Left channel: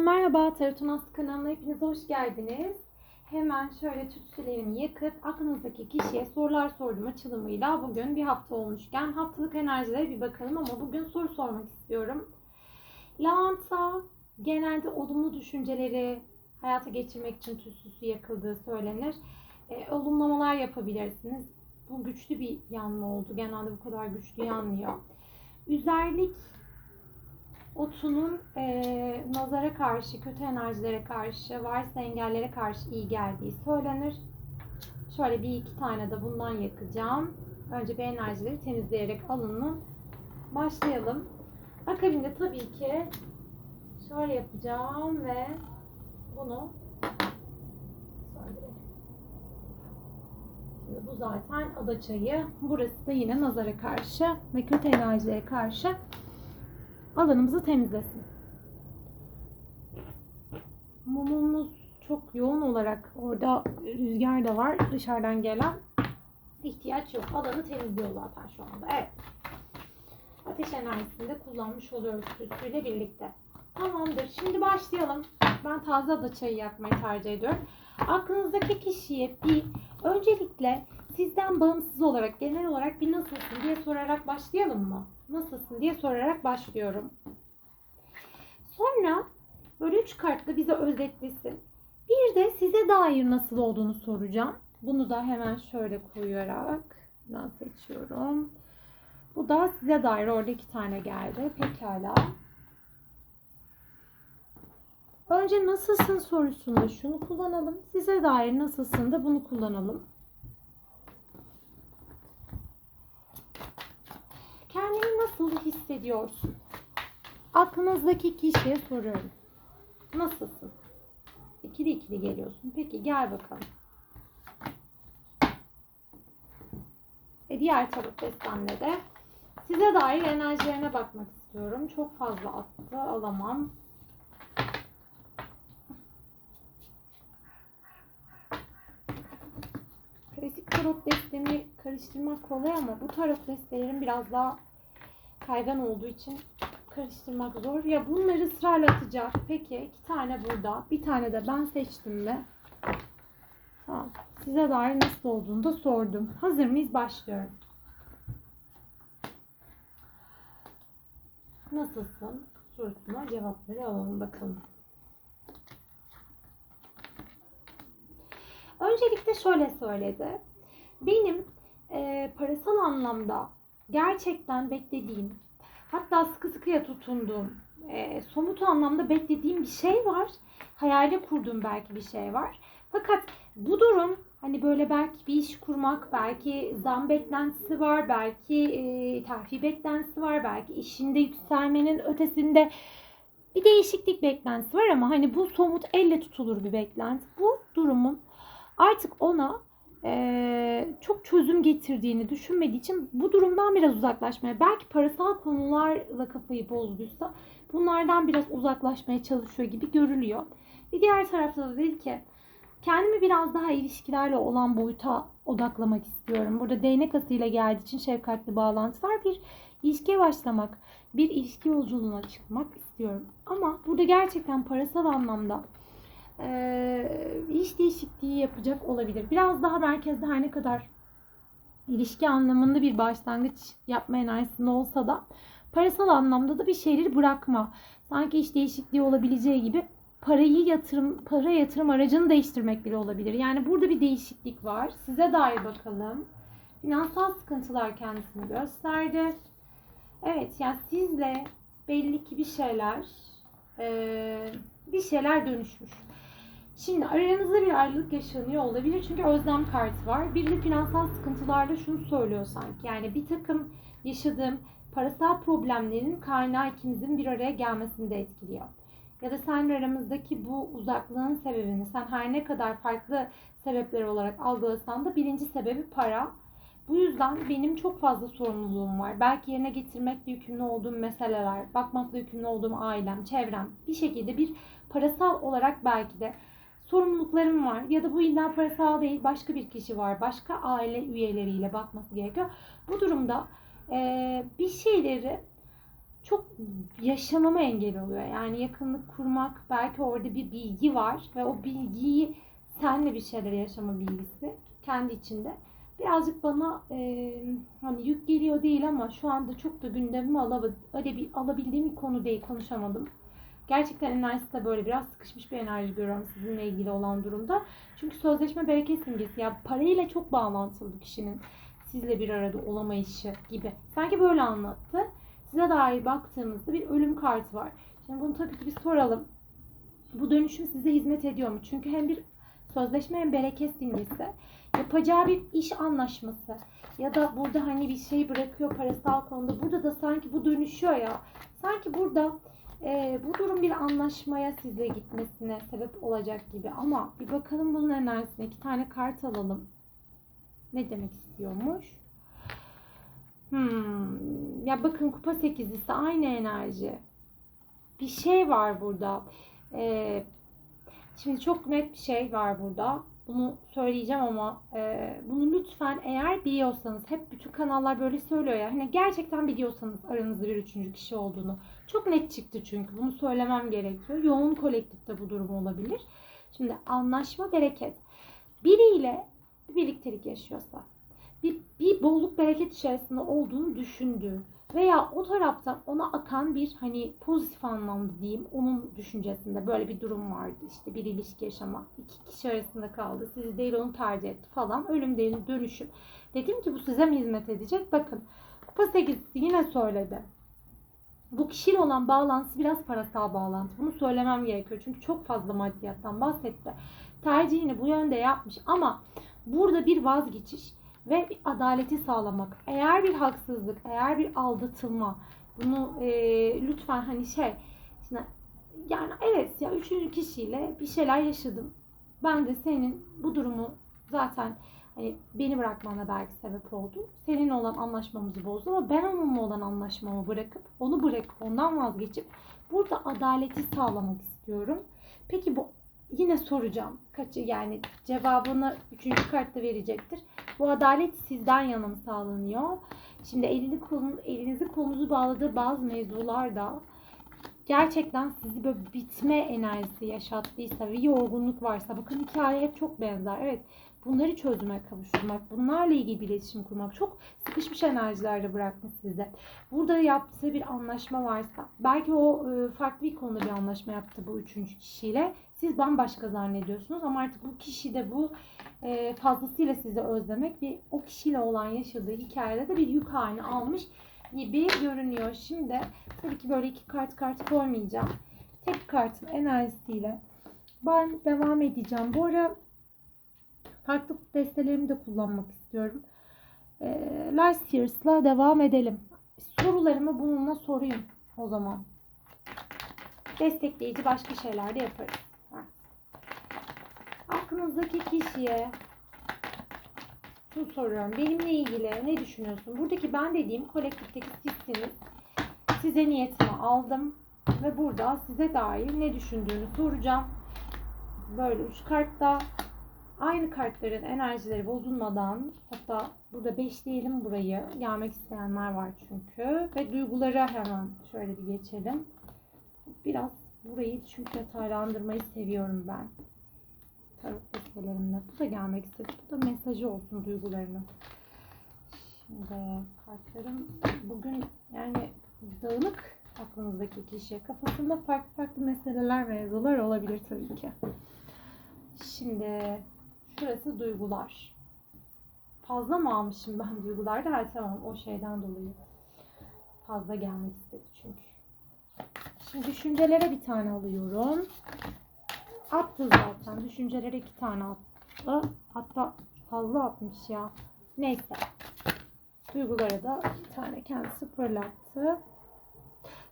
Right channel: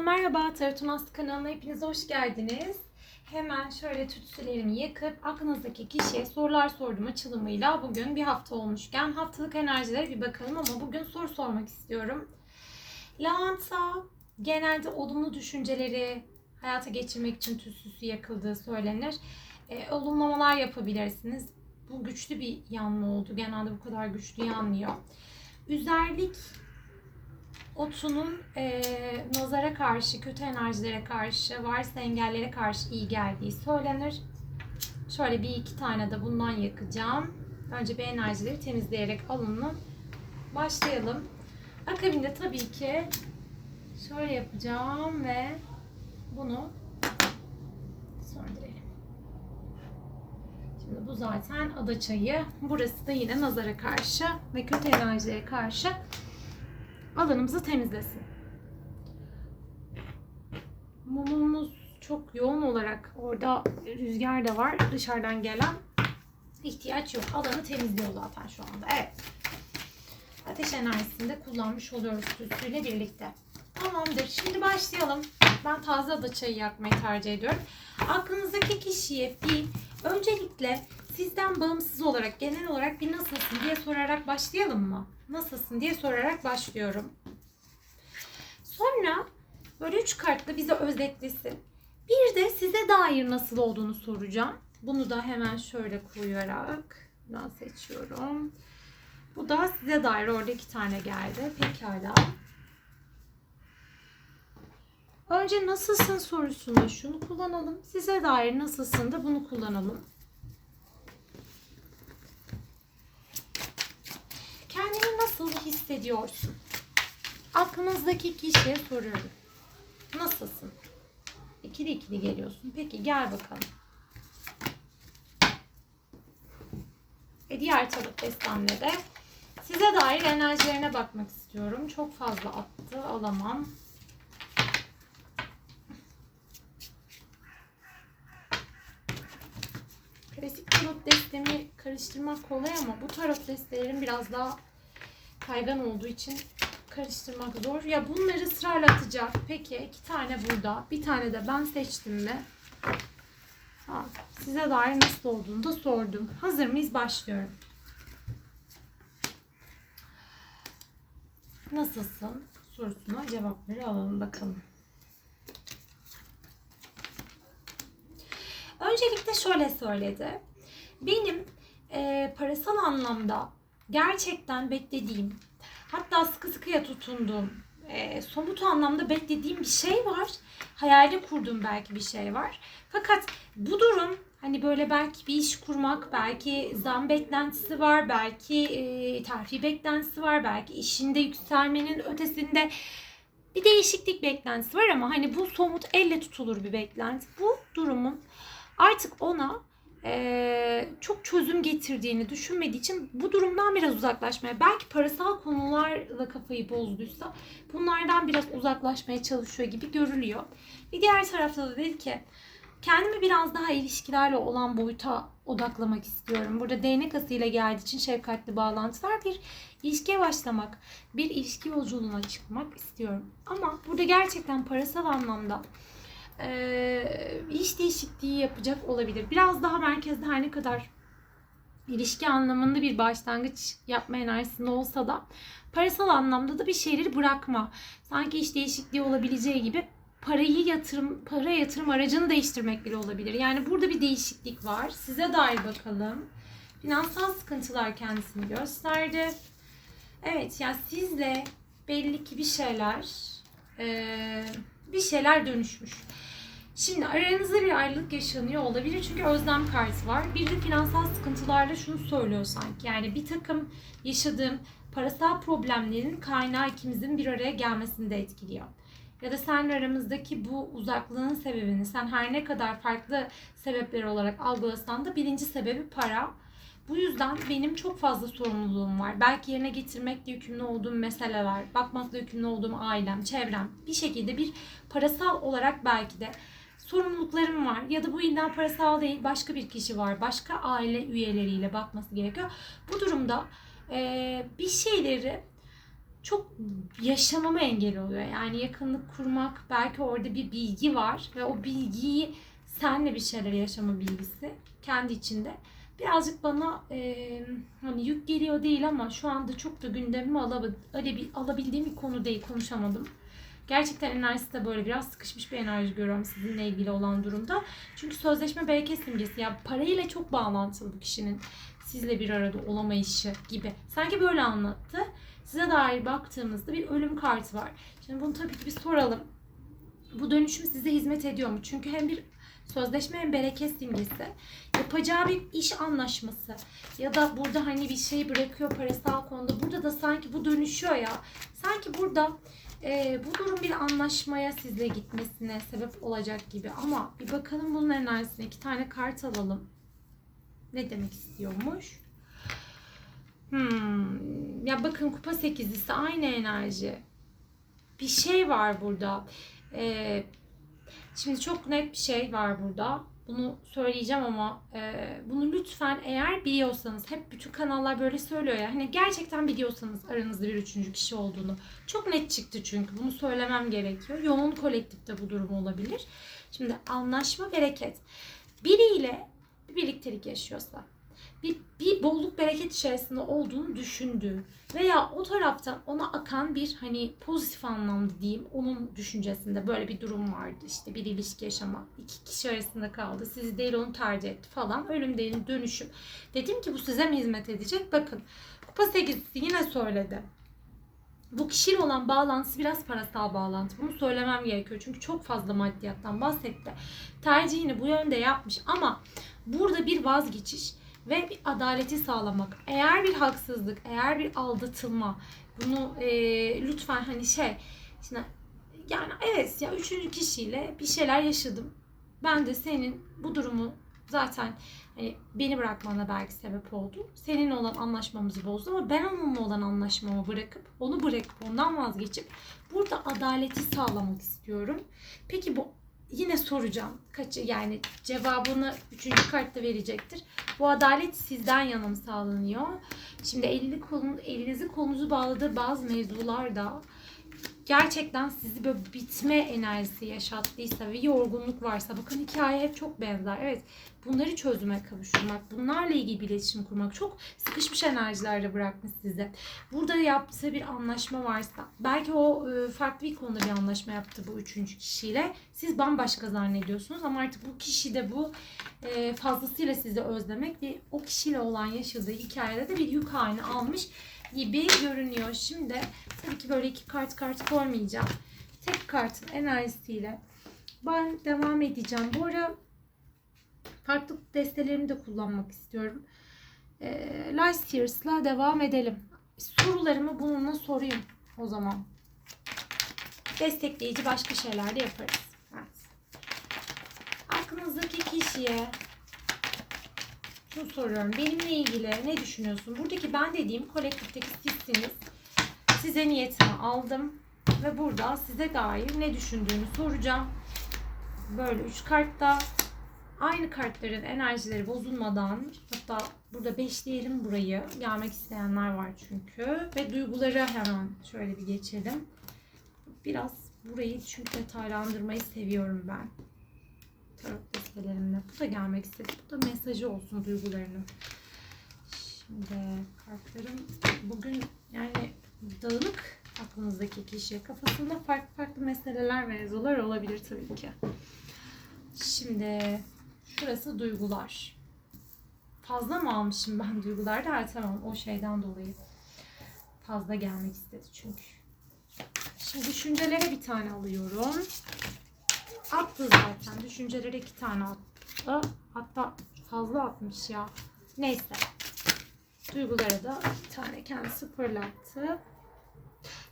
Merhaba, Tarot kanalına hepiniz hoş geldiniz. Hemen şöyle tütsülerimi yakıp aklınızdaki kişiye sorular sordum açılımıyla bugün bir hafta olmuşken haftalık enerjilere bir bakalım ama bugün soru sormak istiyorum. Lavanta genelde olumlu düşünceleri hayata geçirmek için tütsüsü yakıldığı söylenir. E, olumlamalar yapabilirsiniz. Bu güçlü bir yanma oldu. Genelde bu kadar güçlü yanmıyor. Üzerlik otunun e, nazara karşı, kötü enerjilere karşı, varsa engellere karşı iyi geldiği söylenir. Şöyle bir iki tane de bundan yakacağım. Önce bir enerjileri temizleyerek alımla başlayalım. Akabinde tabii ki şöyle yapacağım ve bunu söndürelim. Şimdi bu zaten ada çayı. Burası da yine nazara karşı ve kötü enerjilere karşı alanımızı temizlesin. Mumumuz çok yoğun olarak orada rüzgar da var. Dışarıdan gelen ihtiyaç yok. Alanı temizliyor zaten şu anda. Evet. Ateş enerjisini de kullanmış oluyoruz tütsüyle birlikte. Tamamdır. Şimdi başlayalım. Ben taze ada çayı yakmayı tercih ediyorum. Aklınızdaki kişiye bir öncelikle sizden bağımsız olarak genel olarak bir nasılsın diye sorarak başlayalım mı? Nasılsın diye sorarak başlıyorum. Sonra böyle üç kartla bize özetlesin. Bir de size dair nasıl olduğunu soracağım. Bunu da hemen şöyle koyarak ben seçiyorum. Bu da size dair orada iki tane geldi. Pekala. Önce nasılsın sorusunda şunu kullanalım. Size dair nasılsın da bunu kullanalım. Kendini nasıl hissediyorsun? Aklınızdaki kişiye soruyorum. Nasılsın? İkili ikili geliyorsun. Peki gel bakalım. Ve diğer tarot destemde de size dair enerjilerine bakmak istiyorum. Çok fazla attı. Alamam. Klasik tarot destemi karıştırmak kolay ama bu tarot destelerin biraz daha kaygan olduğu için karıştırmak zor. Ya bunları ısrarla atacak. Peki iki tane burada. Bir tane de ben seçtim mi? Tamam. Size dair nasıl olduğunu da sordum. Hazır mıyız? Başlıyorum. Nasılsın? sorusuna cevapları alalım bakalım. Öncelikle şöyle söyledi. Benim e, parasal anlamda gerçekten beklediğim, hatta sıkı sıkıya tutunduğum, e, somut anlamda beklediğim bir şey var. Hayali kurduğum belki bir şey var. Fakat bu durum hani böyle belki bir iş kurmak, belki zam beklentisi var, belki e, terfi beklentisi var, belki işinde yükselmenin ötesinde bir değişiklik beklentisi var ama hani bu somut elle tutulur bir beklenti. Bu durumun artık ona e, çok çözüm getirdiğini düşünmediği için bu durumdan biraz uzaklaşmaya belki parasal konularla kafayı bozduysa bunlardan biraz uzaklaşmaya çalışıyor gibi görülüyor. Bir diğer tarafta da dedi ki kendimi biraz daha ilişkilerle olan boyuta odaklamak istiyorum. Burada değnek asıyla geldiği için şefkatli bağlantılar bir ilişkiye başlamak, bir ilişki yolculuğuna çıkmak istiyorum. Ama burada gerçekten parasal anlamda iş değişikliği yapacak olabilir. Biraz daha merkezde her ne kadar ilişki anlamında bir başlangıç yapma enerjisinde olsa da parasal anlamda da bir şeyleri bırakma. Sanki iş değişikliği olabileceği gibi parayı yatırım para yatırım aracını değiştirmek bile olabilir. Yani burada bir değişiklik var. Size dair bakalım. Finansal sıkıntılar kendisini gösterdi. Evet yani sizle belli ki bir şeyler e, bir şeyler dönüşmüş. Şimdi aranızda bir ayrılık yaşanıyor olabilir çünkü özlem kartı var. Bir de finansal sıkıntılarla şunu söylüyor sanki. Yani bir takım yaşadığım parasal problemlerin kaynağı ikimizin bir araya gelmesini de etkiliyor. Ya da senle aramızdaki bu uzaklığın sebebini sen her ne kadar farklı sebepler olarak algılasan da birinci sebebi para. Bu yüzden benim çok fazla sorumluluğum var. Belki yerine getirmekle yükümlü olduğum meseleler, bakmakla yükümlü olduğum ailem, çevrem. Bir şekilde bir parasal olarak belki de sorumluluklarım var. Ya da bu illa parasal değil başka bir kişi var. Başka aile üyeleriyle bakması gerekiyor. Bu durumda e, bir şeyleri çok yaşamama engel oluyor. Yani yakınlık kurmak belki orada bir bilgi var ve o bilgiyi senle bir şeyler yaşama bilgisi kendi içinde birazcık bana e, hani yük geliyor değil ama şu anda çok da alabil- alabildiğim bir konu değil konuşamadım. Gerçekten enerjisi de böyle biraz sıkışmış bir enerji görüyorum sizinle ilgili olan durumda. Çünkü sözleşme bereket simgesi ya parayla çok bağlantılı bu kişinin sizle bir arada olamayışı gibi. Sanki böyle anlattı. Size dair baktığımızda bir ölüm kartı var. Şimdi bunu tabii ki bir soralım. Bu dönüşüm size hizmet ediyor mu? Çünkü hem bir sözleşme hem bereket simgesi. Yapacağı bir iş anlaşması ya da burada hani bir şey bırakıyor parasal konuda. Burada da sanki bu dönüşüyor ya. Sanki burada e, bu durum bir anlaşmaya sizle gitmesine sebep olacak gibi. Ama bir bakalım bunun enerjisine. iki tane kart alalım. Ne demek istiyormuş? Hmm. Ya bakın kupa sekizlisi aynı enerji. Bir şey var burada. Ee, şimdi çok net bir şey var burada. Bunu söyleyeceğim ama e, bunu lütfen eğer biliyorsanız hep bütün kanallar böyle söylüyor ya. Hani gerçekten biliyorsanız aranızda bir üçüncü kişi olduğunu. Çok net çıktı çünkü bunu söylemem gerekiyor. Yoğun kolektifte bu durum olabilir. Şimdi anlaşma bereket. Biriyle bir birliktelik yaşıyorsa bir, bir bolluk bereket içerisinde olduğunu düşündüğü veya o taraftan ona akan bir hani pozitif anlamda diyeyim onun düşüncesinde böyle bir durum vardı işte bir ilişki yaşama iki kişi arasında kaldı sizi değil onu tercih etti falan ölüm değil dönüşüm dedim ki bu size mi hizmet edecek bakın kupa 8 yine söyledi bu kişiyle olan bağlantısı biraz parasal bağlantı. Bunu söylemem gerekiyor. Çünkü çok fazla maddiyattan bahsetti. Tercihini bu yönde yapmış ama burada bir vazgeçiş ve bir adaleti sağlamak. Eğer bir haksızlık, eğer bir aldatılma bunu e, lütfen hani şey şimdi yani evet ya üçüncü kişiyle bir şeyler yaşadım. Ben de senin bu durumu zaten hani beni bırakmana belki sebep oldu. Seninle olan anlaşmamızı bozdu ama ben onunla olan anlaşmamı bırakıp onu bırakıp ondan vazgeçip burada adaleti sağlamak istiyorum. Peki bu yine soracağım. Kaçı yani cevabını üçüncü kartta verecektir. Bu adalet sizden yana mı sağlanıyor? Şimdi elini kolun, elinizi kolunuzu bağladığı bazı mevzularda gerçekten sizi böyle bitme enerjisi yaşattıysa ve yorgunluk varsa bakın hikaye hep çok benzer. Evet bunları çözüme kavuşturmak, bunlarla ilgili bir iletişim kurmak çok sıkışmış enerjilerde bırakmış size. Burada yaptığı bir anlaşma varsa belki o e, farklı bir konuda bir anlaşma yaptı bu üçüncü kişiyle. Siz bambaşka zannediyorsunuz ama artık bu kişi de bu e, fazlasıyla sizi özlemek ve o kişiyle olan yaşadığı hikayede de bir yük haline almış gibi görünüyor. Şimdi tabii ki böyle iki kart kart koymayacağım. Tek kartın enerjisiyle ben devam edeceğim. Bu ara farklı destelerimi de kullanmak istiyorum. E, Last Years'la devam edelim. Sorularımı bununla sorayım o zaman. Destekleyici başka şeyler de yaparız. Evet. Aklınızdaki kişiye şunu soruyorum. Benimle ilgili ne düşünüyorsun? Buradaki ben dediğim kolektifteki sizsiniz. Size niyetimi aldım. Ve burada size dair ne düşündüğünü soracağım. Böyle üç kartta aynı kartların enerjileri bozulmadan hatta burada beşleyelim burayı. Gelmek isteyenler var çünkü. Ve duygulara hemen şöyle bir geçelim. Biraz burayı çünkü detaylandırmayı seviyorum ben. Tarot destelerimle. Bu da gelmek istedi. Bu da mesajı olsun duygularını. Şimdi kartlarım bugün yani dağınık aklınızdaki kişi. Kafasında farklı farklı meseleler ve mevzular olabilir tabii ki. Şimdi şurası duygular. Fazla mı almışım ben duygularda? Ha, tamam o şeyden dolayı. Fazla gelmek istedi çünkü. Şimdi düşüncelere bir tane alıyorum. Attı zaten. Düşüncelere iki tane attı. Hatta fazla atmış ya. Neyse. Duygulara da bir tane kendisi fırlattı.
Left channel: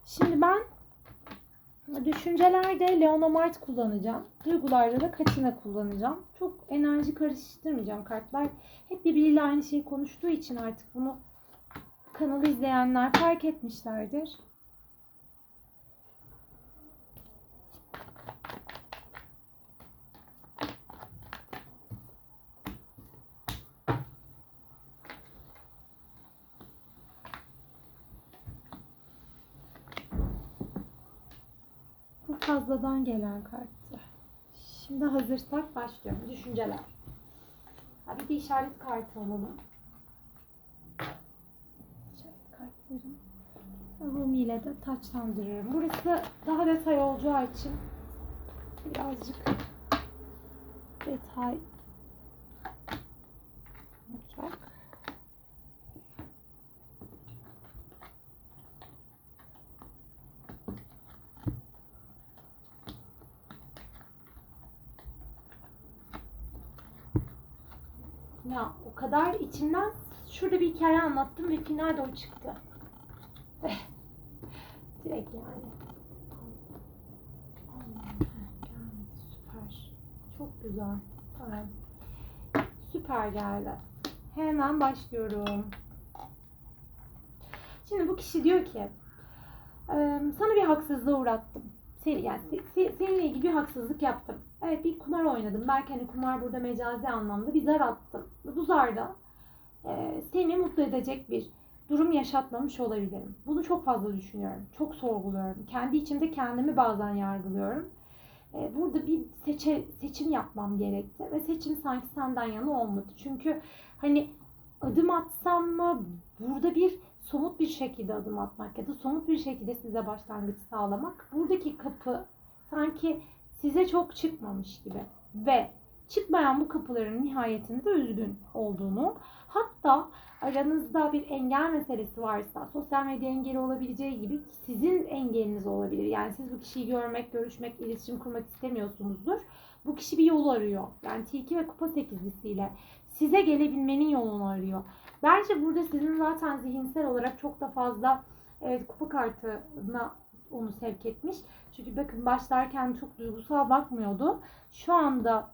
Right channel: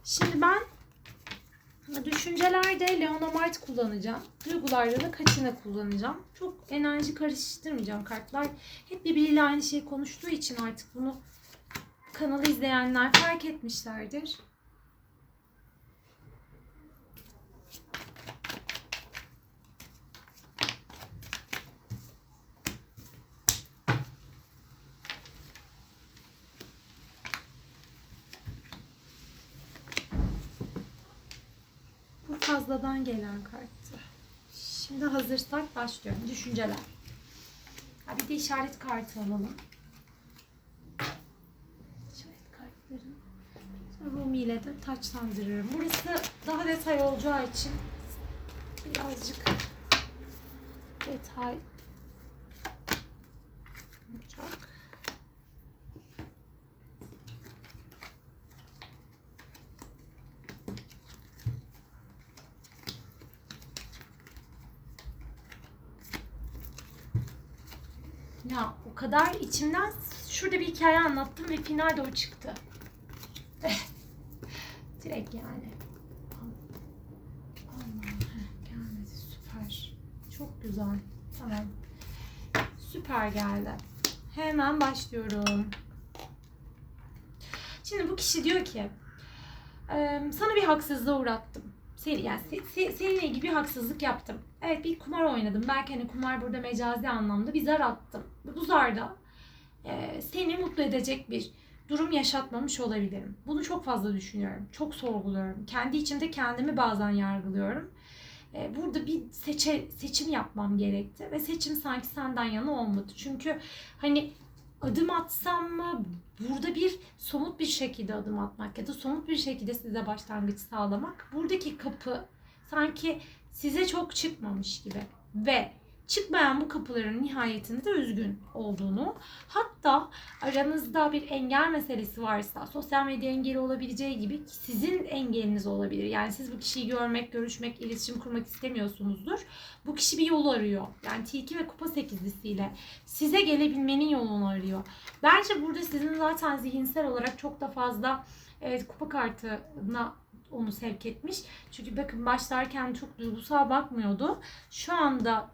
Şimdi ben düşüncelerde Leonomart kullanacağım. Duygularda da Kaçina kullanacağım. Çok enerji karıştırmayacağım kartlar. Hep birbiriyle aynı şeyi konuştuğu için artık bunu kanalı izleyenler fark etmişlerdir. fazladan gelen karttı. Şimdi hazırsak başlıyorum. Düşünceler. Ha, bir de işaret kartı alalım. İşaret kartlarını. Sonra Rumi ile de taçlandırıyorum. Burası daha detay olacağı için birazcık detay olacak. Ya o kadar içimden şurada bir hikaye anlattım ve finalde o çıktı. Direkt yani. Gelmedi süper. Çok güzel. Tamam. Süper geldi. Hemen başlıyorum. Şimdi bu kişi diyor ki "Eee, sana bir haksızlığa uğrattım. Seni, yani se- se- seninle ilgili bir haksızlık yaptım. Evet bir kumar oynadım. Belki hani kumar burada mecazi anlamda bir zar attım. Bu zarda eee, seni mutlu edecek bir durum yaşatmamış olabilirim. Bunu çok fazla düşünüyorum. Çok sorguluyorum. Kendi içimde kendimi bazen yargılıyorum. Eee, burada bir seçe, seçim yapmam gerekti. Ve seçim sanki senden yana olmadı. Çünkü hani adım atsam mı burada bir somut bir şekilde adım atmak ya da somut bir şekilde size başlangıç sağlamak. Buradaki kapı sanki size çok çıkmamış gibi ve çıkmayan bu kapıların nihayetinde de üzgün olduğunu hatta aranızda bir engel meselesi varsa sosyal medya engeli olabileceği gibi sizin engeliniz olabilir. Yani siz bu kişiyi görmek, görüşmek, iletişim kurmak istemiyorsunuzdur. Bu kişi bir yol arıyor. Yani tilki ve kupa sekizlisiyle size gelebilmenin yolunu arıyor. Bence burada sizin zaten zihinsel olarak çok da fazla evet, kupa kartına onu sevk etmiş. Çünkü bakın başlarken çok duygusal bakmıyordu. Şu anda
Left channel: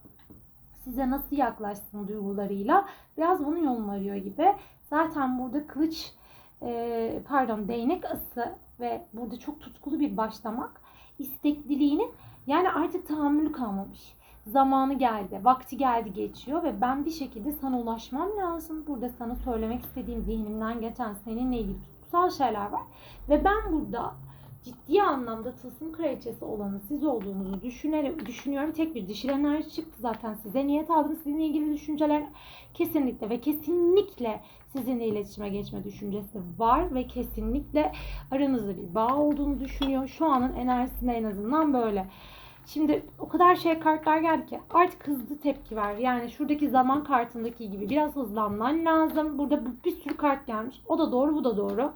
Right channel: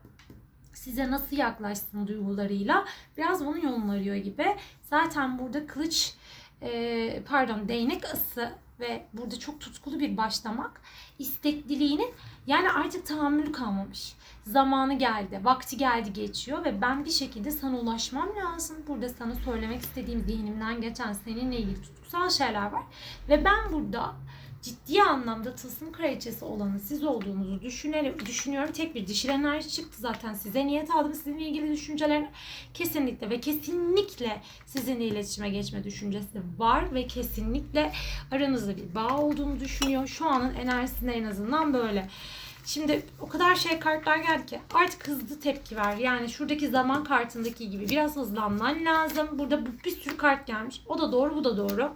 size nasıl yaklaşsın duygularıyla biraz bunun yolunu arıyor gibi. Zaten burada kılıç e, pardon değnek ası ve burada çok tutkulu bir başlamak istekliliğinin yani artık tahammülü kalmamış. Zamanı geldi, vakti geldi geçiyor ve ben bir şekilde sana ulaşmam lazım. Burada sana söylemek istediğim zihnimden geçen seninle ilgili tutkusal şeyler var. Ve ben burada ciddi anlamda tılsım kraliçesi olanı siz olduğunuzu düşünerek, düşünüyorum. Tek bir dişil enerji çıktı zaten size niyet aldım. Sizinle ilgili düşünceler kesinlikle ve kesinlikle sizinle iletişime geçme düşüncesi var ve kesinlikle aranızda bir bağ olduğunu düşünüyor. Şu anın enerjisinde en azından böyle. Şimdi o kadar şey kartlar geldi ki artık hızlı tepki ver. Yani şuradaki zaman kartındaki gibi biraz hızlanman lazım. Burada bu- bir sürü kart gelmiş. O da doğru, bu da doğru.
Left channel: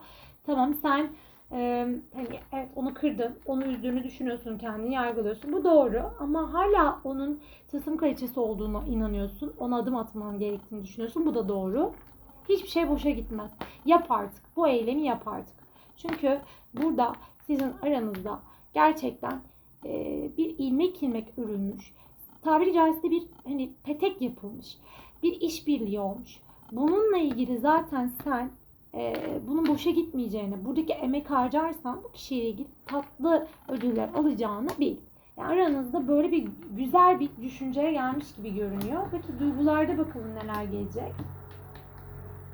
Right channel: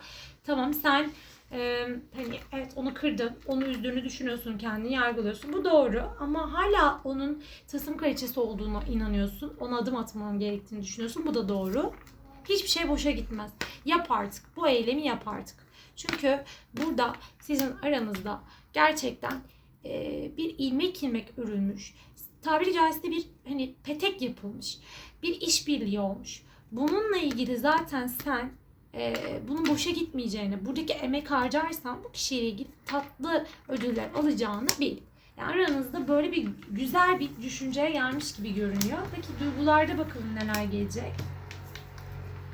Tamam sen e, hani evet onu kırdın, onu üzdüğünü düşünüyorsun, kendini yargılıyorsun. Bu doğru ama hala onun tılsım kraliçesi olduğuna inanıyorsun. Ona adım atman gerektiğini düşünüyorsun. Bu da doğru. Hiçbir şey boşa gitmez. Yap artık. Bu eylemi yap artık. Çünkü burada sizin aranızda gerçekten e, bir ilmek ilmek örülmüş. Tabiri caizse bir hani petek yapılmış. Bir işbirliği olmuş. Bununla ilgili zaten sen e, bunun boşa gitmeyeceğini, buradaki emek harcarsan bu kişiyle ilgili tatlı ödüller alacağını bil. Yani aranızda böyle bir güzel bir düşünceye gelmiş gibi görünüyor. Peki duygularda bakalım neler gelecek.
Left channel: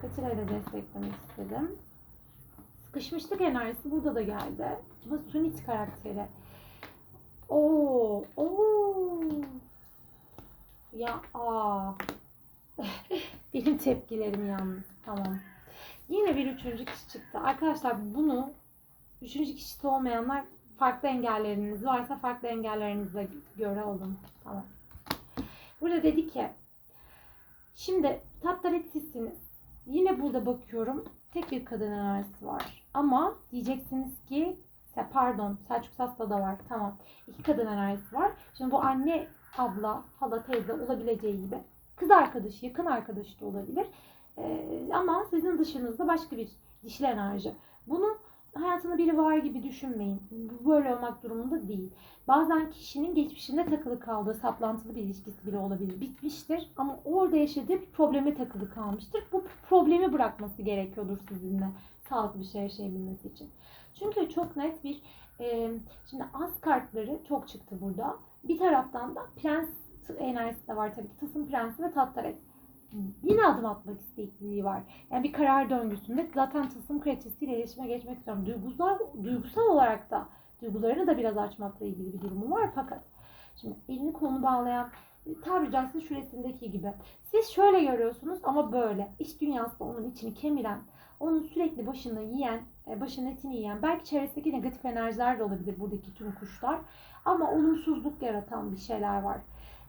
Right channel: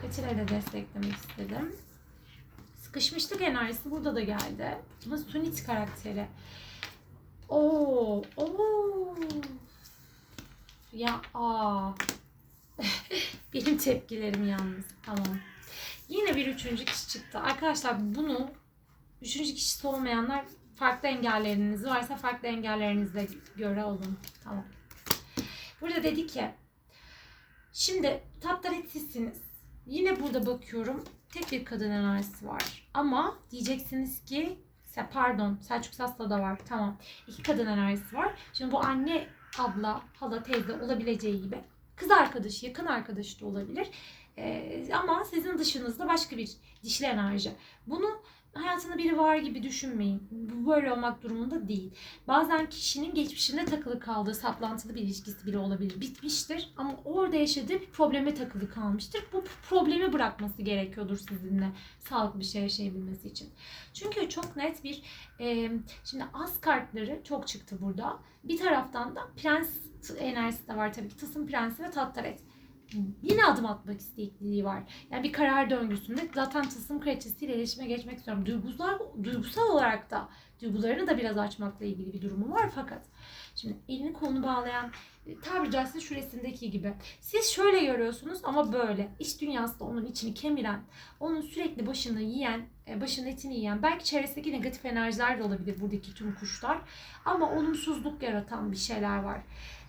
Katile de desteklemek istedim. Sıkışmışlık enerjisi burada da geldi. Ama Sunit karakteri. Oo, oo. Ya aa. Benim tepkilerim yalnız. Tamam. Yine bir üçüncü kişi çıktı. Arkadaşlar bunu üçüncü kişisi olmayanlar farklı engelleriniz varsa farklı engellerinizle göre olun. Tamam. Burada dedi ki şimdi tatlar sizsiniz. Yine burada bakıyorum tek bir kadın enerjisi var. Ama diyeceksiniz ki pardon Selçuk Sas'ta da var. Tamam. İki kadın enerjisi var. Şimdi bu anne, abla, hala, teyze olabileceği gibi kız arkadaşı, yakın arkadaşı da olabilir. Ee, ama sizin dışınızda başka bir dişil enerji. Bunu hayatında biri var gibi düşünmeyin. Bu böyle olmak durumunda değil. Bazen kişinin geçmişinde takılı kaldığı saplantılı bir ilişkisi bile olabilir. Bitmiştir ama orada yaşadığı bir probleme takılı kalmıştır. Bu problemi bırakması gerekiyordur sizinle sağlıklı bir şey yaşayabilmesi için. Çünkü çok net bir e, şimdi az kartları çok çıktı burada. Bir taraftan da prens enerjisi de var tabii ki. Tılsım prensi ve tattaret. Yine adım atmak istekliliği var. Yani bir karar döngüsünde zaten tılsım kraliçesiyle iletişime geçmek istiyorum. Duygusal, duygusal olarak da Duygularını da biraz açmakla ilgili bir durumu var fakat şimdi elini kolunu bağlayan e, tabiri caizse şu resimdeki gibi. Siz şöyle görüyorsunuz ama böyle. İç dünyası da onun içini kemiren, onun sürekli başını yiyen, e, başının etini yiyen, belki çevresindeki negatif enerjiler de olabilir buradaki tüm kuşlar. Ama olumsuzluk yaratan bir şeyler var.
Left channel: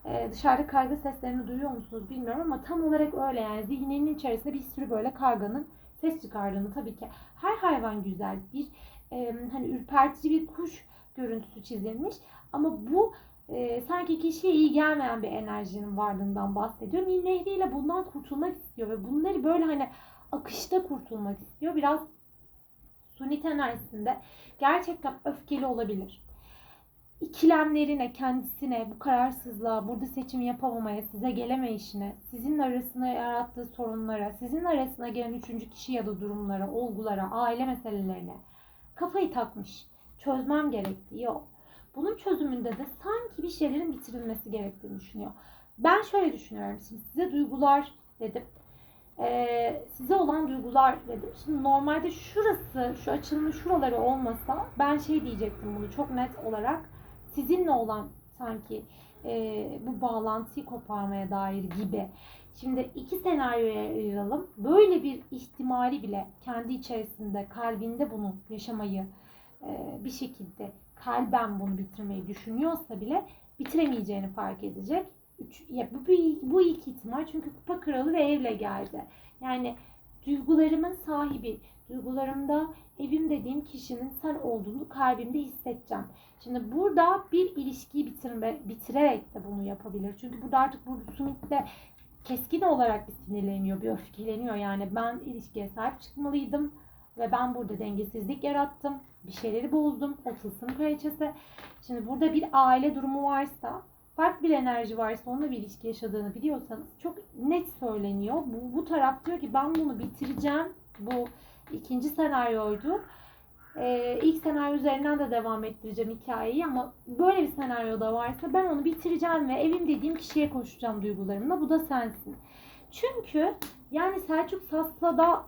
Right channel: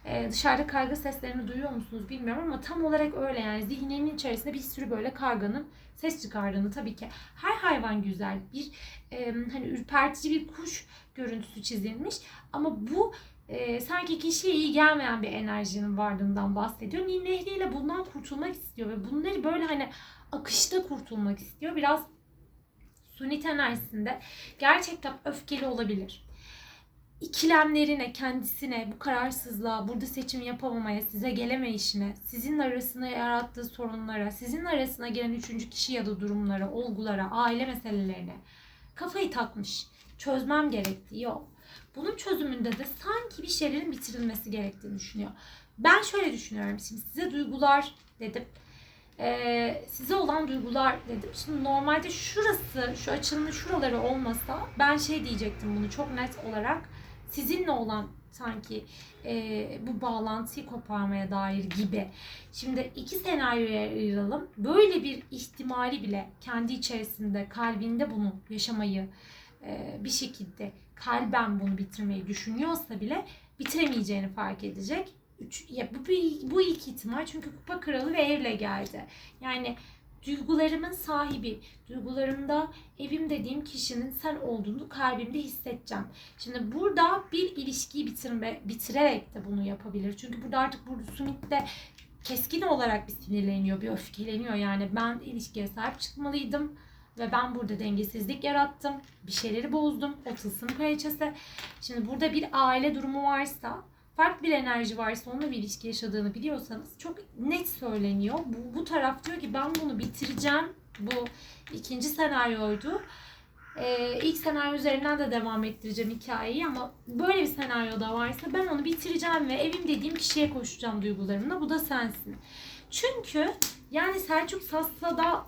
Ee, dışarıda karga seslerini duyuyor musunuz bilmiyorum ama tam olarak öyle yani zihninin içerisinde bir sürü böyle karganın ses çıkardığını tabii ki her hayvan güzel bir e, hani ürpertici bir kuş görüntüsü çizilmiş ama bu e, sanki kişiye iyi gelmeyen bir enerjinin varlığından bahsediyor. Nil Nehri ile bundan kurtulmak istiyor ve bunları böyle hani akışta kurtulmak istiyor. Biraz sunit enerjisinde gerçekten öfkeli olabilir ikilemlerine, kendisine, bu kararsızlığa, burada seçim yapamamaya, size gelemeyişine, sizin arasında yarattığı sorunlara, sizin arasına gelen üçüncü kişi ya da durumlara, olgulara, aile meselelerine kafayı takmış. Çözmem gerektiği yok. Bunun çözümünde de sanki bir şeylerin bitirilmesi gerektiğini düşünüyor. Ben şöyle düşünüyorum şimdi size duygular dedim. Ee, size olan duygular dedim. Şimdi normalde şurası, şu açılımın şuraları olmasa ben şey diyecektim bunu çok net olarak sizinle olan sanki e, bu bağlantıyı koparmaya dair gibi. Şimdi iki senaryoya ayıralım. Böyle bir ihtimali bile kendi içerisinde, kalbinde bunu yaşamayı e, bir şekilde kalben bunu bitirmeyi düşünüyorsa bile bitiremeyeceğini fark edecek. Üç, ya bu, bu, ilk ihtimal çünkü kupa kralı ve evle geldi. Yani duygularımın sahibi, duygularımda evim dediğim kişinin sen olduğunu kalbimde hissedeceğim. Şimdi burada bir ilişkiyi bitirme, bitirerek de bunu yapabilir. Çünkü burada artık bu Sumit'te keskin olarak bir sinirleniyor, bir öfkeleniyor. Yani ben ilişkiye sahip çıkmalıydım ve ben burada dengesizlik yarattım. Bir şeyleri bozdum. O tılsım kraliçesi. Şimdi burada bir aile durumu varsa farklı bir enerji varsa onunla bir ilişki yaşadığını biliyorsanız çok net söyleniyor. Bu, bu taraf diyor ki ben bunu bitireceğim. Bu ikinci senaryoydu. Ee, ilk senaryo üzerinden de devam ettireceğim hikayeyi ama böyle bir senaryo da varsa ben onu bitireceğim ve evim dediğim kişiye koşacağım duygularımla. Bu da sensin. Çünkü yani Selçuk Sassa'da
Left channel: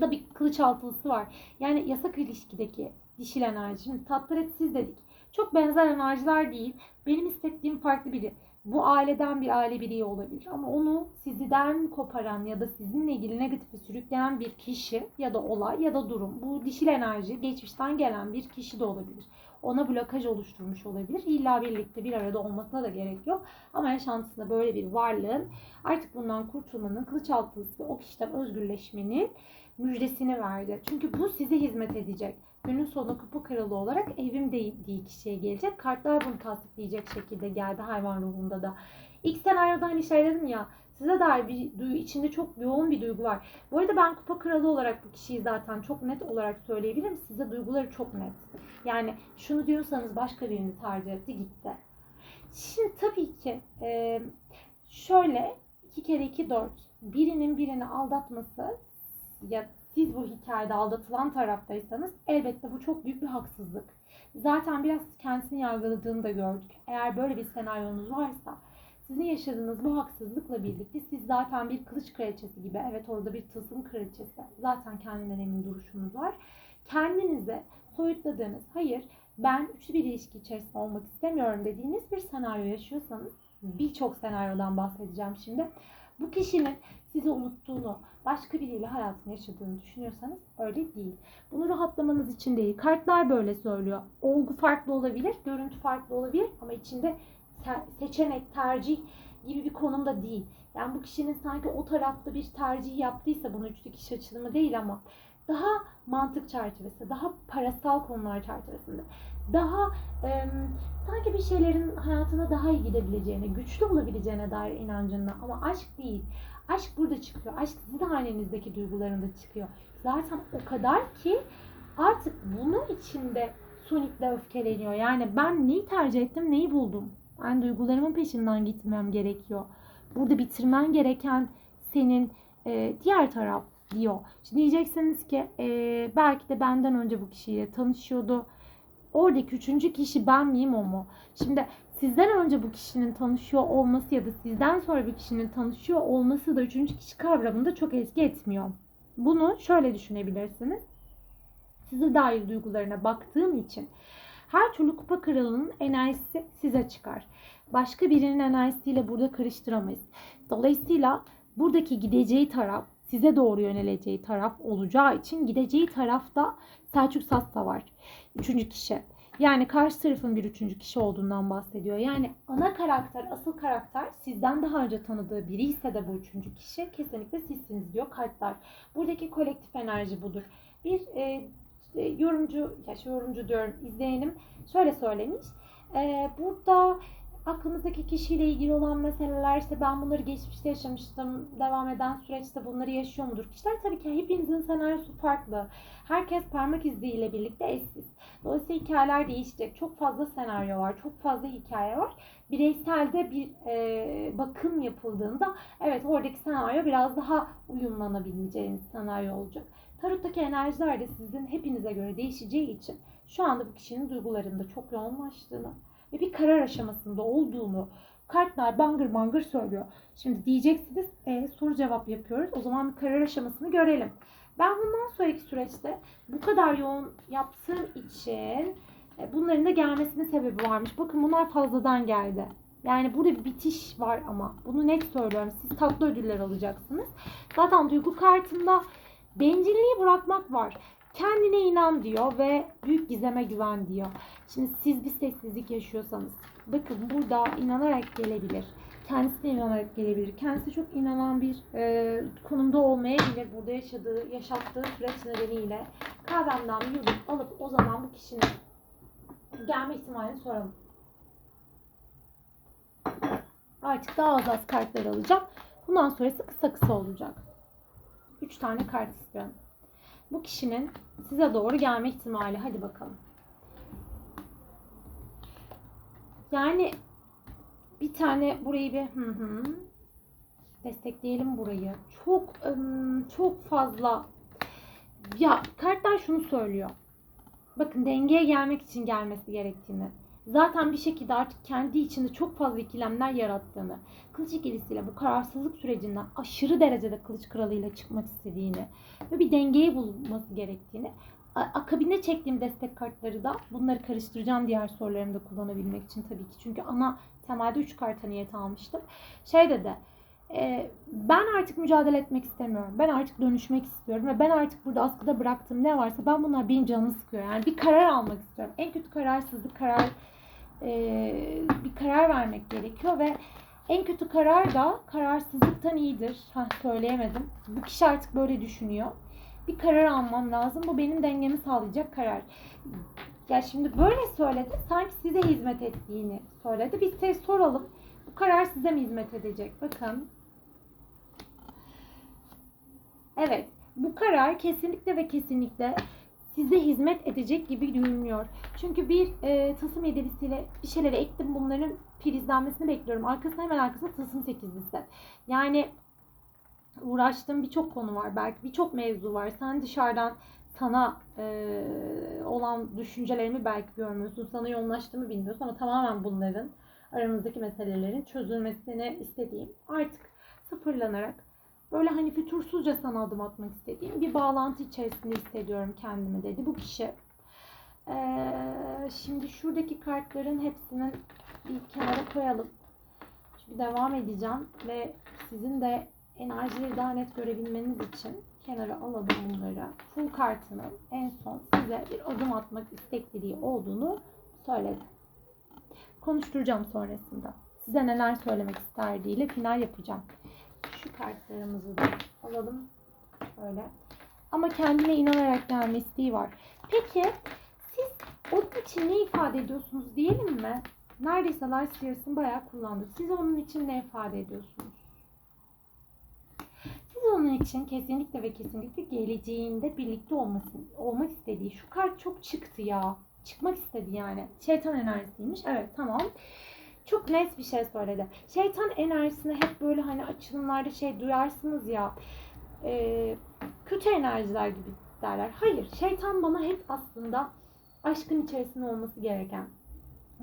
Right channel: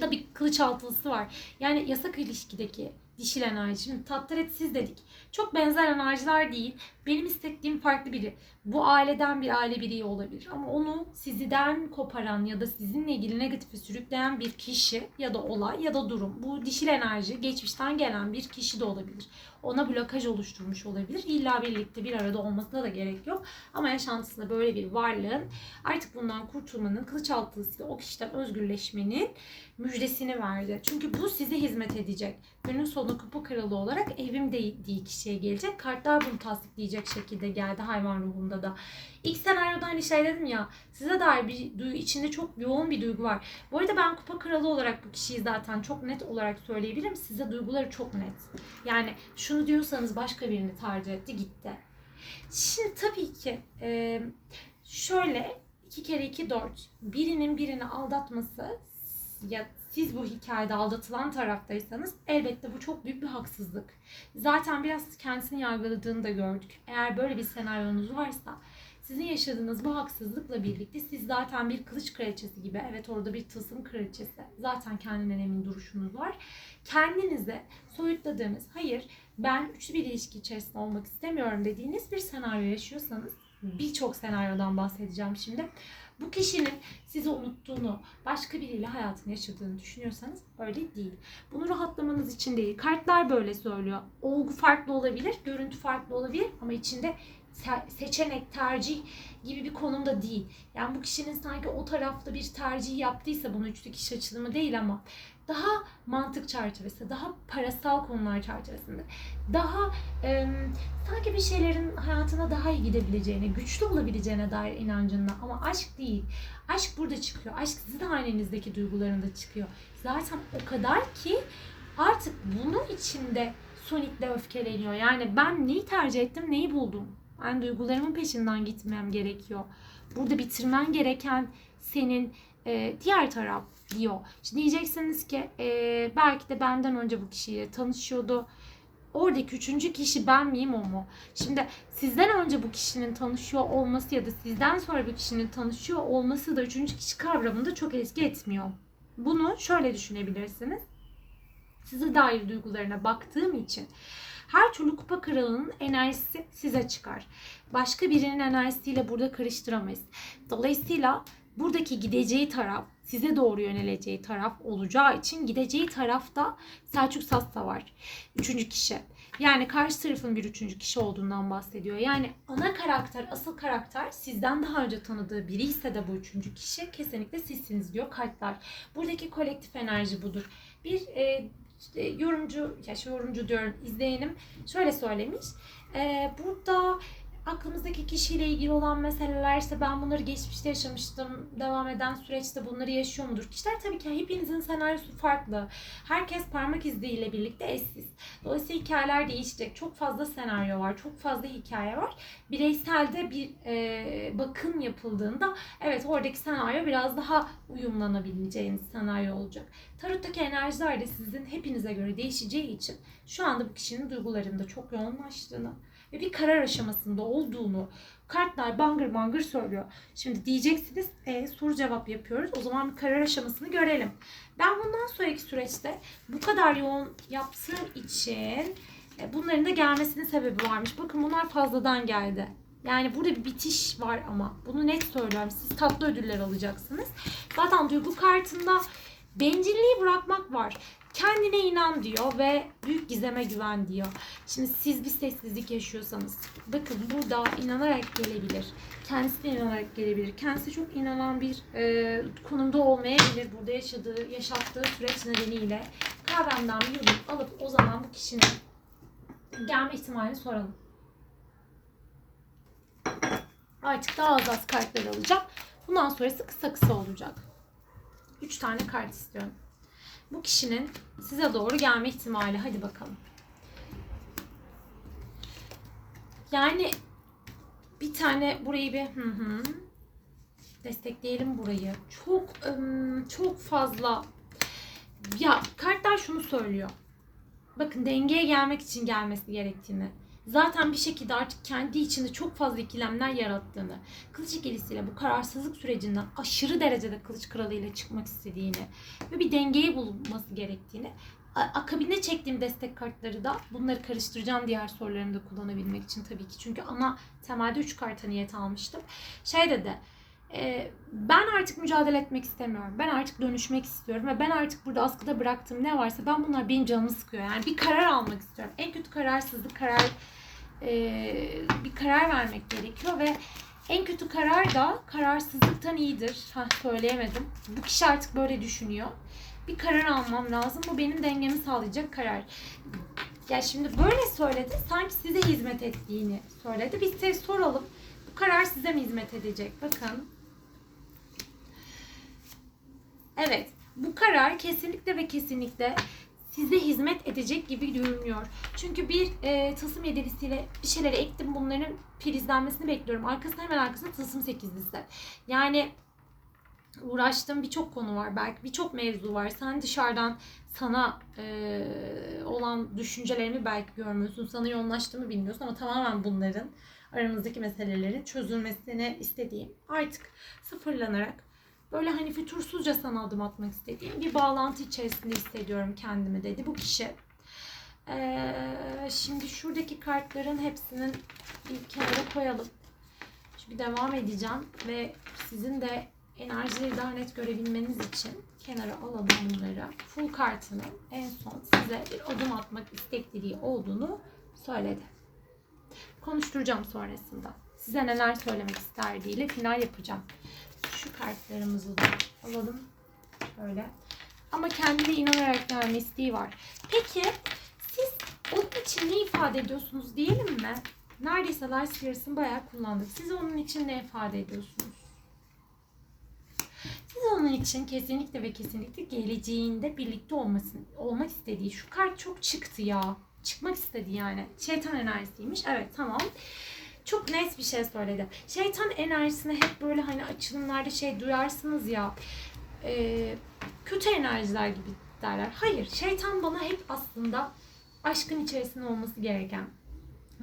da bir kılıç altılısı var. Yani yasak ilişkideki dişil enerji. Şimdi tatlıretsiz dedik. Çok benzer enerjiler değil. Benim istediğim farklı biri. Bu aileden bir aile bireyi olabilir. Ama onu sizden koparan ya da sizinle ilgili negatife sürükleyen bir kişi ya da olay ya da durum. Bu dişil enerji geçmişten gelen bir kişi de olabilir. Ona blokaj oluşturmuş olabilir. İlla birlikte bir arada olmasına da gerek yok. Ama yaşantısında böyle bir varlığın artık bundan kurtulmanın, kılıç altısıyla o kişiden özgürleşmenin müjdesini verdi. Çünkü bu size hizmet edecek. Günün sonunda kupa kralı olarak evim dediği kişiye gelecek. Kartlar bunu tasdikleyecek şekilde geldi hayvan ruhunda da. İlk senaryoda hani şey dedim ya size dair bir duygu içinde çok yoğun bir duygu var. Bu arada ben kupa kralı olarak bu kişiyi zaten çok net olarak söyleyebilirim. Size duyguları çok net. Yani şunu diyorsanız başka birini tercih etti gitti. Şimdi tabii ki e, şöyle 2 kere 2 4 birinin birini aldatması ya siz bu hikayede aldatılan taraftaysanız elbette bu çok büyük bir haksızlık. Zaten biraz kendisini yargıladığını da gördük. Eğer böyle bir senaryonuz varsa sizin yaşadığınız bu haksızlıkla birlikte siz zaten bir kılıç kraliçesi gibi, evet orada bir tılsım kraliçesi, zaten kendinden emin duruşunuz var. Kendinize soyutladığınız, hayır ben üçlü bir ilişki içerisinde olmak istemiyorum dediğiniz bir senaryo yaşıyorsanız, birçok senaryodan bahsedeceğim şimdi. Bu kişinin sizi unuttuğunu, başka biriyle hayatını yaşadığını düşünüyorsanız öyle değil. Bunu rahatlamanız için değil. Kartlar böyle söylüyor. Olgu farklı olabilir, görüntü farklı olabilir ama içinde seçenek, tercih gibi bir konumda değil. Yani bu kişinin sanki o tarafta bir tercih yaptıysa bunu üçlü kişi açılımı değil ama daha mantık çerçevesi, daha parasal konular çerçevesinde, daha e, sanki bir şeylerin hayatına daha iyi gidebileceğine, güçlü olabileceğine dair inancında ama aşk değil. Aşk burada çıkıyor. Aşk sizin halinizdeki duygularında çıkıyor. Zaten o kadar ki artık bunun içinde Sonic'le öfkeleniyor. Yani ben neyi tercih ettim, neyi buldum? Ben duygularımın peşinden gitmem gerekiyor. Burada bitirmen gereken senin e, diğer taraf diyor. Şimdi diyeceksiniz ki e, belki de benden önce bu kişiyle tanışıyordu. Oradaki üçüncü kişi ben miyim o mu? Şimdi sizden önce bu kişinin tanışıyor olması ya da sizden sonra bir kişinin tanışıyor olması da üçüncü kişi kavramında çok eski etmiyor. Bunu şöyle düşünebilirsiniz. size dair duygularına baktığım için her türlü kupa kralının enerjisi size çıkar. Başka birinin enerjisiyle burada karıştıramayız. Dolayısıyla buradaki gideceği taraf size doğru yöneleceği taraf olacağı için gideceği tarafta Selçuk Sassa var. Üçüncü kişi. Yani karşı tarafın bir üçüncü kişi olduğundan bahsediyor. Yani ana karakter, asıl karakter sizden daha önce tanıdığı biri ise de bu üçüncü kişi kesinlikle sizsiniz diyor kartlar. Buradaki kolektif enerji budur. Bir e, işte yorumcu, ya yorumcu diyorum izleyenim şöyle söylemiş. E, burada aklımızdaki kişiyle ilgili olan meseleler işte ben bunları geçmişte yaşamıştım. Devam eden süreçte bunları yaşıyor mudur? Kişiler tabii ki hepinizin senaryosu farklı. Herkes parmak izleriyle birlikte eşsiz. Dolayısıyla hikayeler değişecek. Çok fazla senaryo var. Çok fazla hikaye var. Bireyselde bir e, bakım yapıldığında evet oradaki senaryo biraz daha uyumlanabileceğiniz senaryo olacak. Tarottaki enerjiler de sizin hepinize göre değişeceği için şu anda bu kişinin duygularında çok yoğunlaştığını ve bir karar aşamasında olduğunu kartlar bangır bangır söylüyor. Şimdi diyeceksiniz e, soru cevap yapıyoruz. O zaman bir karar aşamasını görelim. Ben bundan sonraki süreçte bu kadar yoğun yaptığım için e, bunların da gelmesinin sebebi varmış. Bakın bunlar fazladan geldi. Yani burada bir bitiş var ama bunu net söylüyorum. Siz tatlı ödüller alacaksınız. Zaten duygu kartında bencilliği bırakmak var. Kendine inan diyor ve büyük gizeme güven diyor. Şimdi siz bir sessizlik yaşıyorsanız bakın burada inanarak gelebilir. Kendisine inanarak gelebilir. Kendisi çok inanan bir e, konumda olmayabilir. Burada yaşadığı, yaşattığı süreç nedeniyle kahvemden bir yudum alıp o zaman bu kişinin gelme ihtimalini soralım. Artık daha az az kartlar alacağım. Bundan sonrası kısa kısa olacak. 3 tane kart istiyorum. Bu kişinin size doğru gelme ihtimali. Hadi bakalım. Yani bir tane burayı bir hı hı, destekleyelim burayı. Çok ım, çok fazla ya kartlar şunu söylüyor. Bakın dengeye gelmek için gelmesi gerektiğini. Zaten bir şekilde artık kendi içinde çok fazla ikilemler yarattığını, kılıç ikilisiyle bu kararsızlık sürecinden aşırı derecede kılıç kralıyla çıkmak istediğini ve bir dengeyi bulması gerektiğini akabinde çektiğim destek kartları da bunları karıştıracağım diğer sorularımı da kullanabilmek için tabii ki. Çünkü ana temelde 3 karta niyet almıştım. Şey dedi, e, ben artık mücadele etmek istemiyorum. Ben artık dönüşmek istiyorum ve ben artık burada askıda bıraktığım ne varsa ben bunlar benim canımı sıkıyor. Yani bir karar almak istiyorum. En kötü kararsızlık karar e, bir karar vermek gerekiyor ve en kötü karar da kararsızlıktan iyidir. Ha söyleyemedim. Bu kişi artık böyle düşünüyor. Bir karar almam lazım. Bu benim dengemi sağlayacak karar. Ya şimdi böyle söyledi. Sanki size hizmet ettiğini söyledi. Biz size soralım. Bu karar size mi hizmet edecek? Bakın. Evet. Bu karar kesinlikle ve kesinlikle size hizmet edecek gibi görünüyor. Çünkü bir e, tılsım yedilisiyle bir şeyleri ektim. Bunların filizlenmesini bekliyorum. Arkasında hemen arkasında tılsım sekizlisi. Yani uğraştığım birçok konu var. Belki birçok mevzu var. Sen dışarıdan sana e, olan düşüncelerini belki görmüyorsun. Sana yoğunlaştığımı bilmiyorsun ama tamamen bunların aramızdaki meselelerin çözülmesini istediğim artık sıfırlanarak böyle hani fütursuzca sana adım atmak istediğim bir bağlantı içerisinde hissediyorum kendimi dedi bu kişi. Ee, şimdi şuradaki kartların hepsinin bir kenara koyalım. Şimdi devam edeceğim ve sizin de enerjileri daha net görebilmeniz için kenara alalım bunları. Full kartının en son size bir adım atmak istekliliği olduğunu söyledi. Konuşturacağım sonrasında. Size neler söylemek isterdiğiyle final yapacağım. Şu kartlarımızı da alalım. Böyle. Ama kendine inanarak gelme isteği var. Peki siz onun için ne ifade ediyorsunuz diyelim mi? Neredeyse Light Spears'ın bayağı kullandık. Siz onun için ne ifade ediyorsunuz? Siz onun için kesinlikle ve kesinlikle geleceğinde birlikte olmasın, olmak istediği şu kart çok çıktı ya. Çıkmak istedi yani. Şeytan enerjisiymiş. Evet tamam. Çok net bir şey söyledi. Şeytan enerjisine hep böyle hani açılımlarda şey duyarsınız ya. e, kötü enerjiler gibi derler. Hayır. Şeytan bana hep aslında aşkın içerisinde olması gereken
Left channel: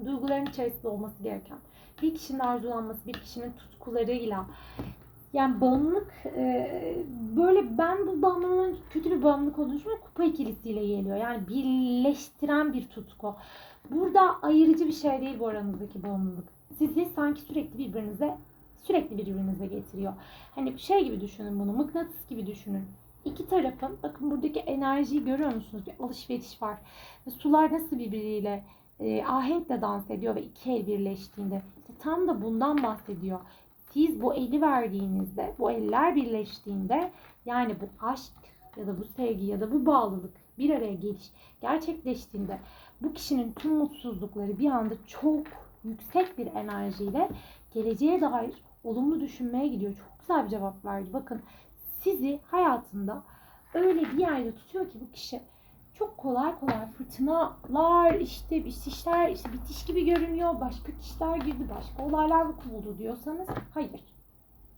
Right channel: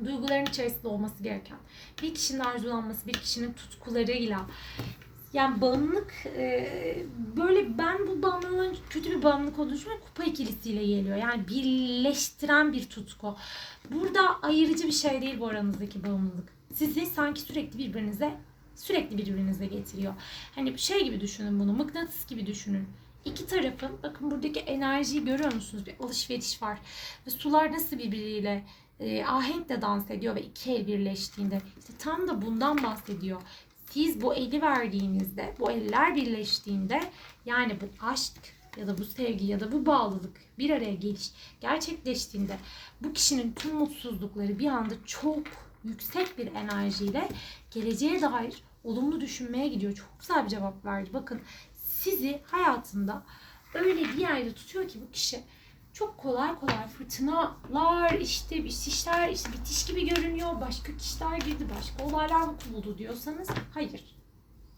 duyguların içerisinde olması gereken bir kişinin arzulanması, bir kişinin tutkularıyla Yani bağımlılık e, böyle ben bu bağımlılığın kötü bir bağımlılık olduğunu düşünmüyorum. Kupa ikilisiyle geliyor. Yani birleştiren bir tutku. Burada ayırıcı bir şey değil bu aranızdaki bağımlılık. Sizi sanki sürekli birbirinize sürekli birbirinize getiriyor. Hani şey gibi düşünün bunu. Mıknatıs gibi düşünün. İki tarafın bakın buradaki enerjiyi görüyor musunuz? Bir alışveriş var. Ve sular nasıl birbiriyle e, ahenkle dans ediyor ve iki el birleştiğinde işte tam da bundan bahsediyor. Siz bu eli verdiğinizde, bu eller birleştiğinde yani bu aşk ya da bu sevgi ya da bu bağlılık bir araya geliş gerçekleştiğinde bu kişinin tüm mutsuzlukları bir anda çok yüksek bir enerjiyle geleceğe dair olumlu düşünmeye gidiyor. Çok güzel bir cevap verdi. Bakın sizi hayatında öyle bir yerde tutuyor ki bu kişi çok kolay kolay fırtınalar işte işler işte bitiş gibi görünüyor. Başka kişiler girdi, başka olaylar buldu diyorsanız hayır.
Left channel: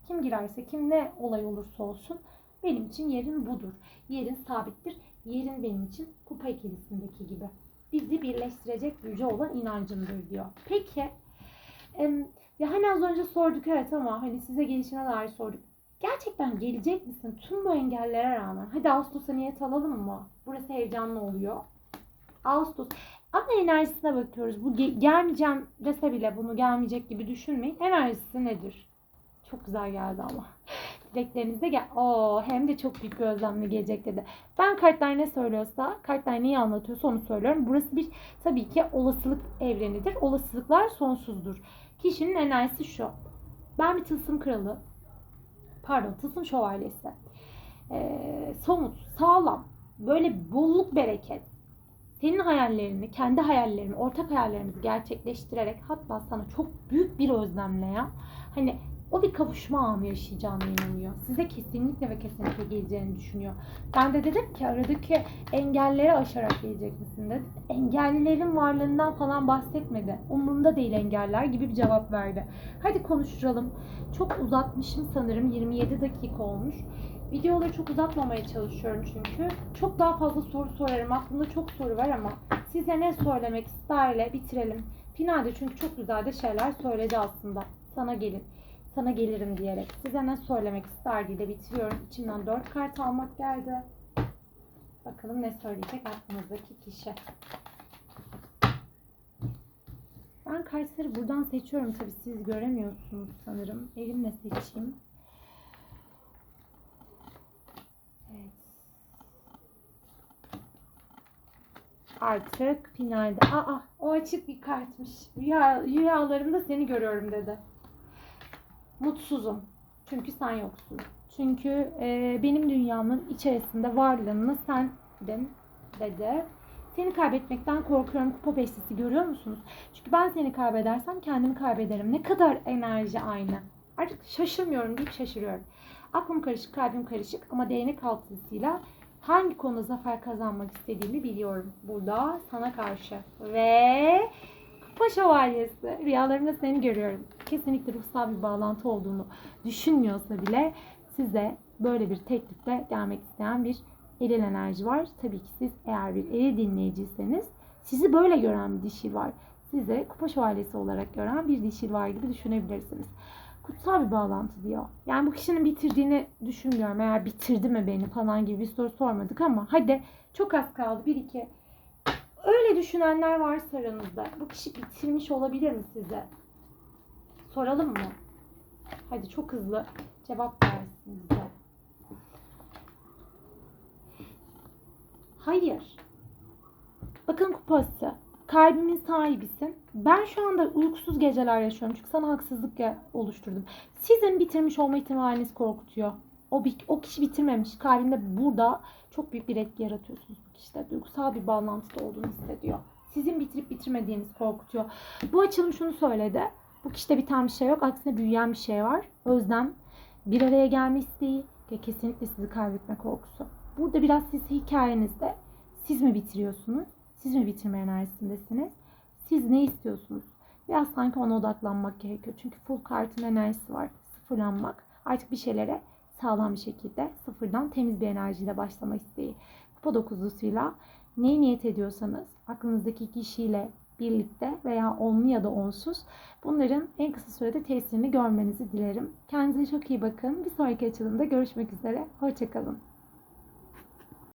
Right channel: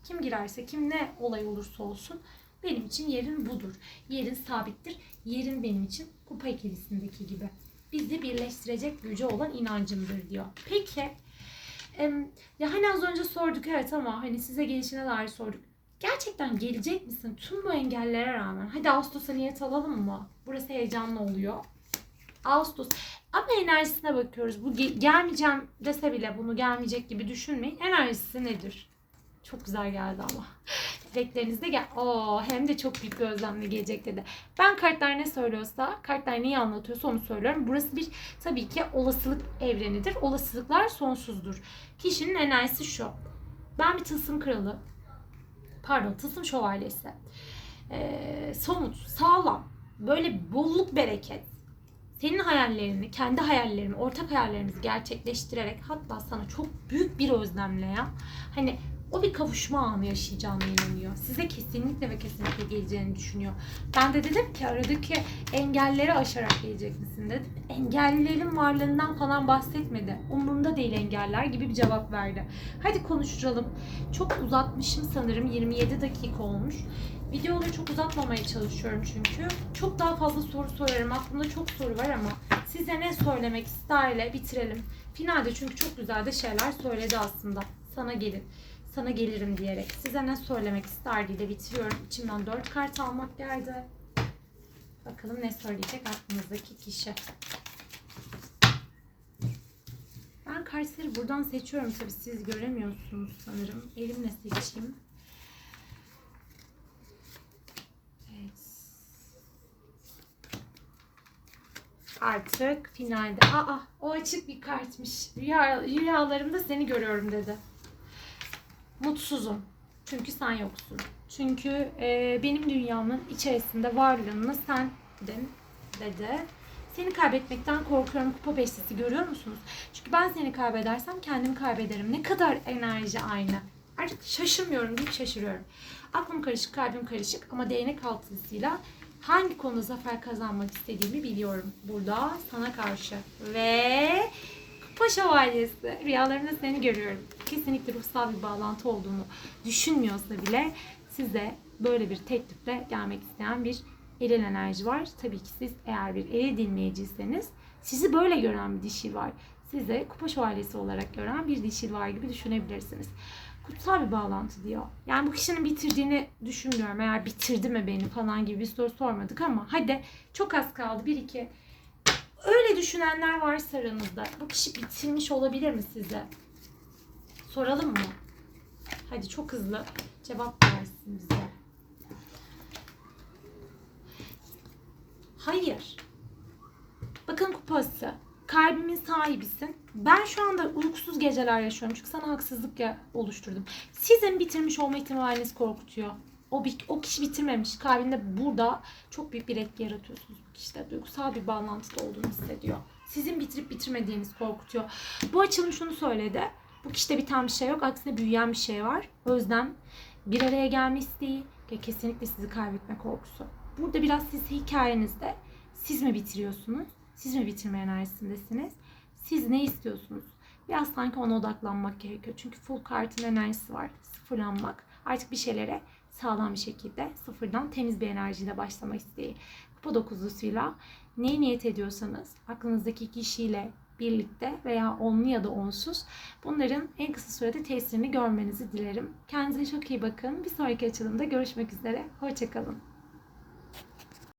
Kim girerse kim ne olay olursa olsun benim için yerin budur. Yerin sabittir. Yerin benim için kupa ikilisindeki gibi. Bizi birleştirecek gücü olan inancımdır diyor. Peki ya hani az önce sorduk evet ama hani size gelişine dair sorduk. Gerçekten gelecek misin tüm bu engellere rağmen? Hadi Ağustos'a niyet alalım mı? Burası heyecanlı oluyor. Ağustos. Ama enerjisine bakıyoruz. Bu ge- gelmeyeceğim dese bile bunu gelmeyecek gibi düşünmeyin. Enerjisi nedir? Çok güzel geldi ama. Dileklerinizde gel. Oo, hem de çok büyük bir özlemle gelecek dedi. Ben kartlar ne söylüyorsa, kartlar neyi anlatıyorsa onu söylüyorum. Burası bir tabii ki olasılık evrenidir. Olasılıklar sonsuzdur. Kişinin enerjisi şu. Ben bir tılsım kralı, pardon tılsım şövalyesi. Ee, somut, sağlam, böyle bolluk bereket. Senin hayallerini, kendi hayallerini, ortak hayallerimizi gerçekleştirerek hatta sana çok büyük bir özlemle ya. Hani o bir kavuşma anı yaşayacağına inanıyor. Size kesinlikle ve kesinlikle geleceğini düşünüyor. Ben de dedim ki aradaki engelleri aşarak gelecek misin dedim. Engellerin varlığından falan bahsetmedi. Umurumda değil engeller gibi bir cevap verdi. Hadi konuşalım. Çok uzatmışım sanırım. 27 dakika olmuş. Videoları çok uzatmamaya çalışıyorum çünkü. Çok daha fazla soru sorarım. Aklımda çok soru var ama size ne söylemek isterle bitirelim. Finalde çünkü çok güzel de şeyler söyledi aslında. Sana gelin. Sana gelirim diyerek. Size ne söylemek isterdiğiyle bitiriyorum. İçimden 4 kart almak geldi. Bakalım ne söyleyecek aklınızdaki kişi. Ben kartları buradan seçiyorum tabii siz göremiyorsunuz sanırım. Elimle seçeyim. Artık finalde. Aa o açık bir kartmış. Rüya, rüyalarımda seni görüyorum dedi. Mutsuzum. Çünkü sen yoksun. Çünkü e, benim dünyamın içerisinde varlığını sendin dedi. Seni kaybetmekten korkuyorum kupa beşlisi görüyor musunuz? Çünkü ben seni kaybedersem kendimi kaybederim. Ne kadar enerji aynı. Artık şaşırmıyorum deyip şaşırıyorum. Aklım karışık, kalbim karışık ama değnek altısıyla hangi konuda zafer kazanmak istediğimi biliyorum burada sana karşı. Ve Kupa Şövalyesi. Rüyalarımda seni görüyorum. Kesinlikle ruhsal bir bağlantı olduğunu düşünmüyorsa bile size böyle bir teklifle gelmek isteyen bir eril enerji var. Tabii ki siz eğer bir eril dinleyiciyseniz sizi böyle gören bir dişil var. Size kupa şövalyesi olarak gören bir dişil var gibi düşünebilirsiniz. Kutsal bir bağlantı diyor. Yani bu kişinin bitirdiğini düşünmüyorum. Eğer bitirdi mi beni falan gibi bir soru sormadık ama hadi çok az kaldı. Bir iki Öyle düşünenler varsa aranızda. Bu kişi bitirmiş olabilir mi size? Soralım mı? Hadi çok hızlı cevap versin bize. Hayır. Bakın kupası. Kalbimin sahibisin. Ben şu anda uykusuz geceler yaşıyorum. Çünkü sana haksızlık oluşturdum. Sizin bitirmiş olma ihtimaliniz korkutuyor. O, o kişi bitirmemiş. Kalbinde burada çok büyük bir etki yaratıyorsunuz. İşte duygusal bir bağlantıda olduğunu hissediyor. Sizin bitirip bitirmediğiniz korkutuyor. Bu açılım şunu söyledi. Bu kişide biten bir şey yok. Aksine büyüyen bir şey var. Özlem, bir araya gelme isteği ve kesinlikle sizi kaybetme korkusu. Burada biraz siz hikayenizde siz mi bitiriyorsunuz? Siz mi bitirme enerjisindesiniz? Siz ne istiyorsunuz? Biraz sanki ona odaklanmak gerekiyor. Çünkü full kartın enerjisi var. Sıfırlanmak. Artık bir şeylere sağlam bir şekilde sıfırdan temiz bir enerjiyle başlama isteği. Kupa dokuzlusuyla neyi niyet ediyorsanız aklınızdaki kişiyle birlikte veya onlu ya da onsuz bunların en kısa sürede tesirini görmenizi dilerim. Kendinize çok iyi bakın. Bir sonraki açılımda görüşmek üzere. Hoşçakalın.